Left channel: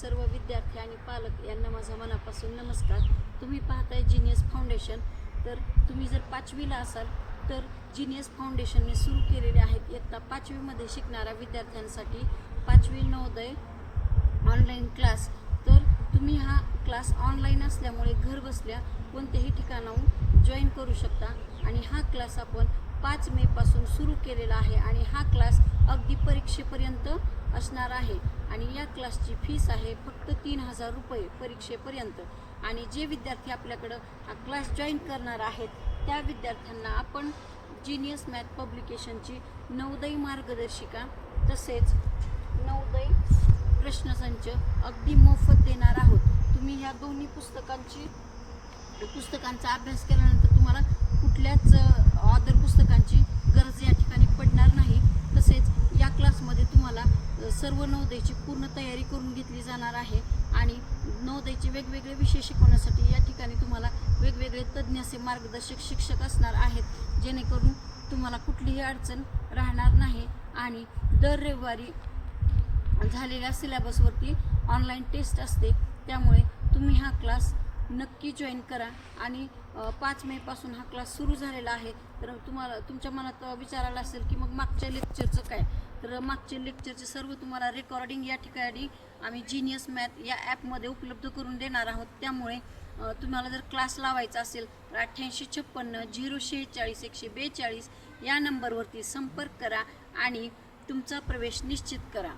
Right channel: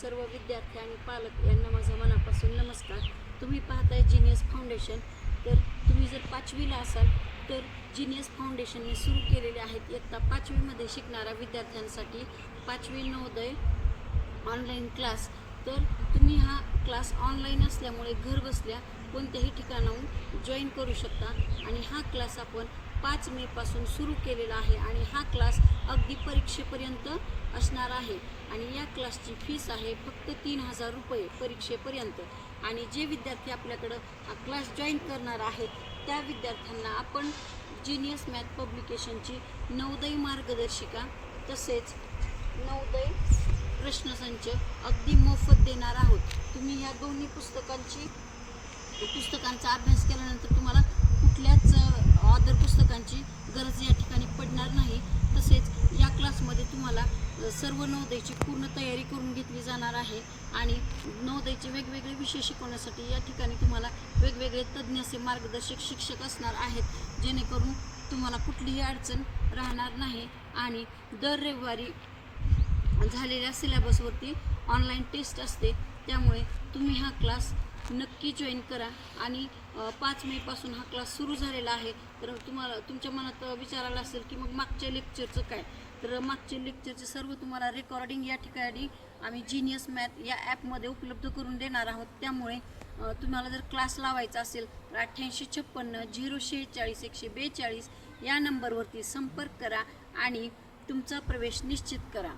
सर्व विद्यार्थी आणि पालक यांना माझा मनापासून नमस्कार। तुम्ही पाहताय जीनियस फाउंडेशन। तर तुम्ही जर 5वीला असाल तर जीनियस फाउंडेशनने सुरू केलेले आहेत इयत्ता 5वीमध्ये शिकणाऱ्या विद्यार्थ्यांसाठी 5वी नवोदय ऑनलाईन क्लास। तर तुम्ही हा क्लास ऑनलाईन असल्यामुळे घर बसल्या कोणत्याही ठिकाणाहून जॉईन करू शकता आणि हा क्लास आपण 5 मे पासून सुरू केलेला आहे आणि हा क्लास अगदी परीक्षेपर्यंत असणार आहे आणि या क्लासची फीस आहे फक्त 3000 रुपये परीक्षेपर्यंत। आणि जे विद्यार्थी आपल्याकडं हा क्लास जॉईन करणार आहेत त्या विद्यार्थ्यांना आपण जीनियस मॅथ पब्लिकेशनची नवोदय मार्गदर्शिका तसेच नवोदय प्रश्नसंच अगदी मोफत देणार आहोत। तुम्ही ह्या दोन्ही पुस्तकांचा अभ्यास केल्यानंतर तुम्हाला कुठल्याच ऑदर पुस्तकांची गरज या ठिकाणी पडणार नाही। तसेच या क्लासमध्ये तुम्हाला सर्व नवोदयची पूर्ण तयारी करून घेतली जाणार आहे आणि नवोदयचे वेगवेगळे विषय शिकवण्यासाठी या ठिकाणी तुम्हाला वेगवेगळे तज्ज्ञ असे मार्गदर्शक शिक्षक असणार आहेत, जेणेकरून तुम्हाला कुठलीही अडचण राहणार नाही। आणि दर रविवारी झालेल्या सिलेबसवरती ऑनलाईन टेस्ट असते, त्यामुळे तुम्ही हा क्लास नक्की जॉईन करा। आणि 5 मे पासून हा क्लास सुरू झालेला आहे। तर तुम्हाला तुमच्या मनात विचार आला असेल की मग मागच्या लेक्चरचं काय, तर मागच्या लेक्चरचे सर्व तुम्हाला रेकॉर्डिंग या ठिकाणी आम्ही जीनियस मॅथ या ॲपमध्ये उपलब्ध करून देणार आहोत। त्यामुळे तुम्हाला जर क्लास लावायचा असेल तर 8856 046 142 या नंबरवरती संपर्क करा आणि तुमचा प्रवेश निश्चित करा।